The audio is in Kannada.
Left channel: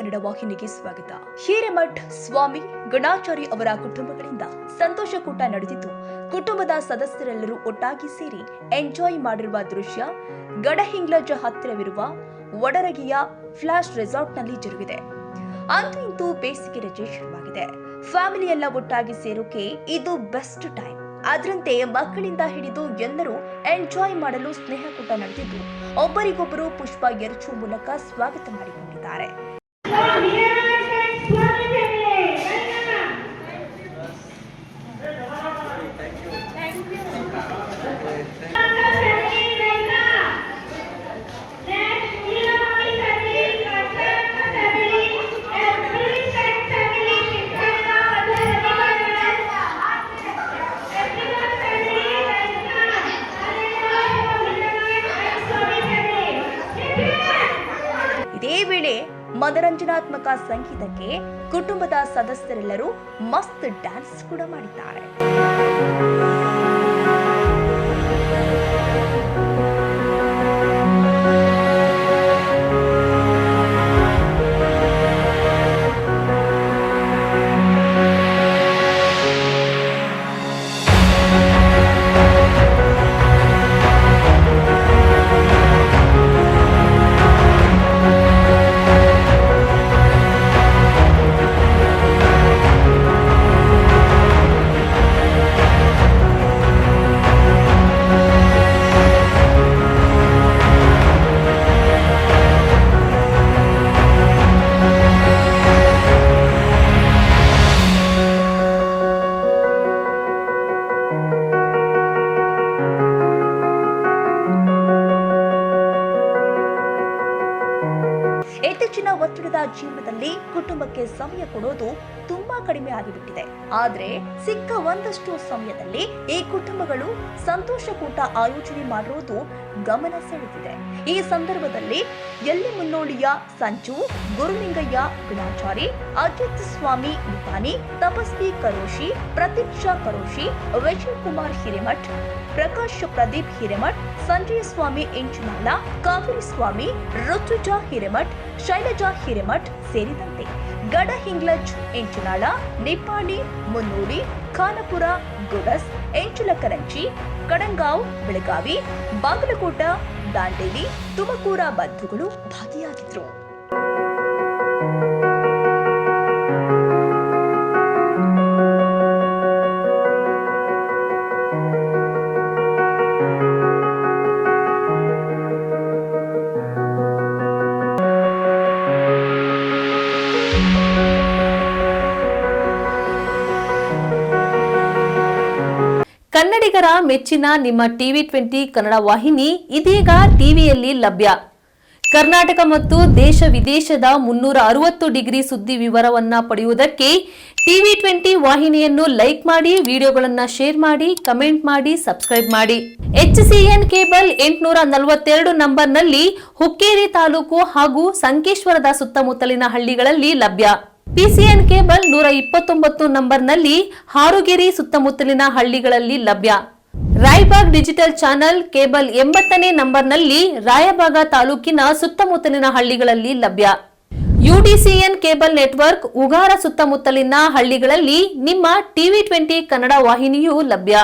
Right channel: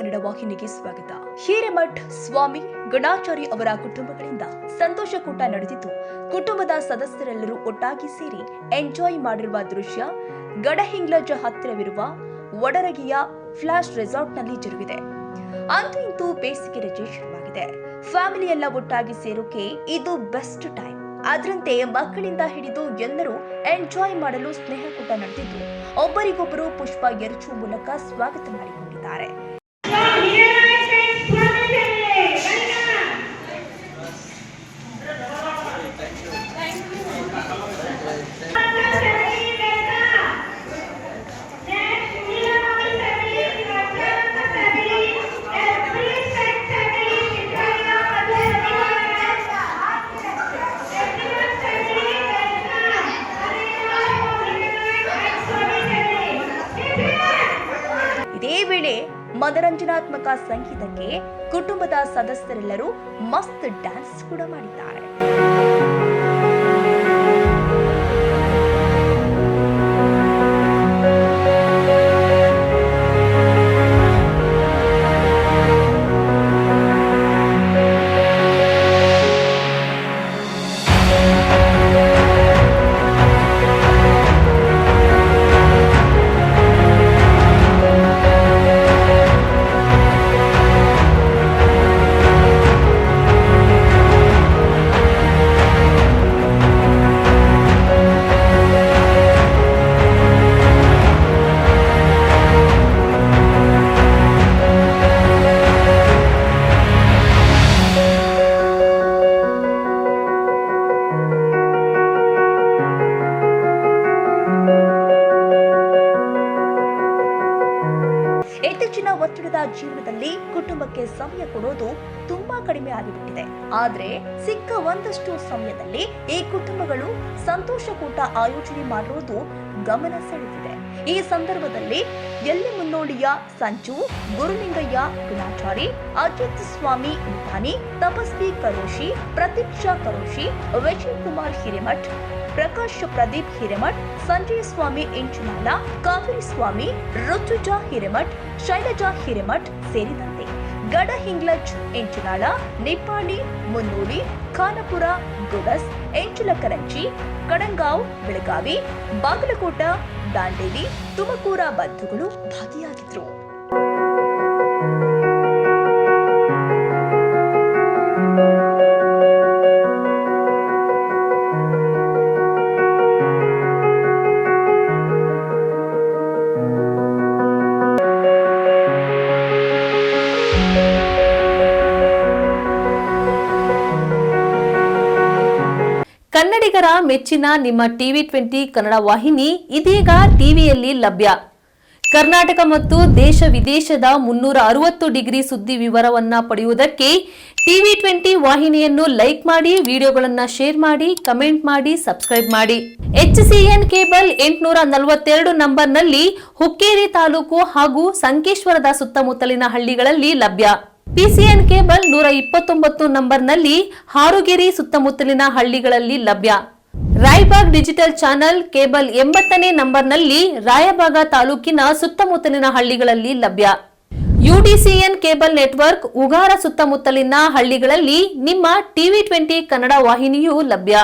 ಕನ್ನಡ ವಾಹಿನಿಗೆ ಸ್ವಾಗತ. ಹಿರೇಮಠ್ ಸ್ವಾಮಿ ಗಣಾಚಾರಿ ಅವರ ಕುಟುಂಬಗಳಿಂದ ಸಂತೋಷಕೂಟ ನಡೆದಿದ್ದು, ಕುಟುಂಬದ ಸದಸ್ಯರೆಲ್ಲರೂ ಒಟ್ಟಾಗಿ ಸೇರಿ ಎಂಜಾಯ್ ಮಾಡಿರುವ ದೃಶ್ಯ ಗಡಹಿಂಗ್ಲಜ್ ಹತ್ತಿರವಿರುವ ವಡರಗಿಯ ಫ್ಲಾಶ್ ರೆಸಾರ್ಟ್ನಲ್ಲಿ ಜರುಗಿದೆ. ಅಂತೂ ಇಂತೂ ಬೇಸಿಗೆ ರಜೆ ಶುರುವಾಗಿದೆ. ಫ್ಯಾಮಿಲಿ ಎಲ್ಲ ಒಟ್ಟಾಗಿ ಸೇರೋಕೆ ಇದು ಬೆಸ್ಟ್ ಟೈಮ್. ಅದರಂತೆ ಮಕ್ಕಳಿಂದ ಹಿಡಿದು ಎಲ್ಲರೂ ಎಂಜಾಯ್ ಮಾಡಲು ಸ್ನೇಹಕೂಟ ನಡೆದಿದ್ದು, ಒಬ್ಬರಿಗೊಬ್ಬರು ಪುಷ್ಪ ಎರಚುವ ಮೂಲಕ ಸ್ವಾಗತ ಮಾಡಿಕೊಂಡಿದ್ದಾರೆ. ಇದೇ ವೇಳೆ ಮನರಂಜನಾತ್ಮಕ ಸಂಗೀತಕ್ಕೆ ಕುಟುಂಬದ ಸದಸ್ಯರೆಲ್ಲರೂ ಮಸ್ತ್ ಡ್ಯಾನ್ಸ್ ಕೂಡ ಮಾಡಿದ್ದಾರೆ. ಇತ್ತೀಚಿನ ಒತ್ತಡದ ಜೀವನದಲ್ಲಿ ಕುಟುಂಬಕ್ಕೆ ಸಮಯ ಕೊಡೋದು ತುಂಬಾ ಕಡಿಮೆ ಆಗಿಬಿಟ್ಟಿದೆ. ಆದ್ರೆ ಸಿಕ್ಕ ಒಂದಷ್ಟು ಸಮಯದಲ್ಲಿ ಈ ಕುಟುಂಬಗಳು ಸಂತೋಷಕೂಟ ಆಯೋಜನೆ ಮಾಡಿರೋದು ಗಮನ ಸೆಳೆದಿದೆ. ಈ ಸಂದರ್ಭದಲ್ಲಿ ಎಲ್ಲಿ ಮುನ್ನೋಳಿಯ ಸಂಚು, ಗುರುಲಿಂಗಯ್ಯ ಗಣಾಚಾರಿ, ಅಜಿತ್ ಸ್ವಾಮಿ ನಿಪಾನಿ, ತಪಸ್ವಿ ಕರೋಶಿ, ಪ್ರತೀಕ್ಷಾ ಕರೋಶಿ, ವಿಜಯ್ ಕುಮಾರ್ ಹಿರೇಮಠ್, ಪ್ರಕಾಶ್ ಪ್ರದೀಪ್ ಹಿರೇಮಠ್, ಸಂಜಯ ಸ್ವಾಮಿ ಎಂಚುನಾಳ, ಕಾವೇರಿ ಸ್ವಾಮಿ, ಋತುಜಾ ಹಿರೇಮಠ್, ಶೈಲಜಾ ಹಿರೇಮಠ್ ಸೇರಿದಂತೆ ಗಡಹಿಂಗ್ಲಜ್ ಎಂಚುನಾಳ, ನಿಪ್ಪಾಣಿ, ಮುನ್ನೂಡಿ, ಖಾನಪುರ, ಗುಡಸ್, ಎಂಚುಲಕರಂಚಿ, ಕಡಂಗಾಂವ್, ಬೆಳಗಾವಿ, ಬಾಗಲಕೋಟ, ದಾಂಡೇಲಿ, ತುಮಕೂರ ಬಂಧುಗಳು ಭಾಗಿಯಾಗಿದ್ರು. ಕನ್ನಡಿಗರ ಮೆಚ್ಚಿನ ನಿಮ್ಮ ಟಿವಿ20 ಕನ್ನಡ ವಾಹಿನಿ ಇದೀಗ ಟಿವಿಯಲ್ಲಿ ಲಭ್ಯ. ಕರ್ನಾಟಕ ಮತ್ತು ದೇಶ ವಿದೇಶದ 360 ಡಿಗ್ರಿ ಸುದ್ದಿ ವಿವರವನ್ನ ಪಡೆಯುವುದಕ್ಕೆ ಟಿವಿ20 ವಾಹಿನಿಯನ್ನು ಲೈಕ್ ಮಾಡಿ, ವಿಡಿಯೋಗಳನ್ನು ಶೇರ್ ಮಾಡಿ, ಕಮೆಂಟ್ ಮಾಡಿ, ಸಬ್ಸ್ಕ್ರೈಬ್ ಮಾಡಿ. HCN ಕೇಬಲ್ 842 ನಂಬರ್ನಲ್ಲಿ ಹುಕ್ಕೇರಿ ತಾಲೂಕು ಹಾಗೂ ಸಂಕೇಶ್ವರದ ಸುತ್ತಮುತ್ತಲಿನ ಹಳ್ಳಿಗಳಲ್ಲಿ ಲಭ್ಯ. PCN ಕೇಬಲ್ 129 ನಂಬರ್ನಲ್ಲಿ ಹಾರುಗೆರೆ ಸುತ್ತಮುತ್ತಲಿನ ಹಳ್ಳಿಗಳಲ್ಲಿ ಲಭ್ಯ. ರಾಯಬಾಗ್ ಡಿಜಿಟಲ್ ಚಾನೆಲ್ ಕೇಬಲ್ 80ನೇ ನಂಬರ್ನಲ್ಲಿ ರಾಯಬಾಗ ತಾಲೂಕಿನ ಸುತ್ತಮುತ್ತಲಿನ ಹಳ್ಳಿಗಳಲ್ಲಿ ಲಭ್ಯ. UDCN ಕೇಬಲ್ ನೆಟ್ವರ್ಕ್ ಉಗಾರ ಸುತ್ತಮುತ್ತಲಿನ ಹಳ್ಳಿಗಳಲ್ಲಿ ನಿಮ್ಮ ಟಿವಿ20 ಕನ್ನಡ ವಾಹಿನಿಯೂ ಲಭ್ಯ.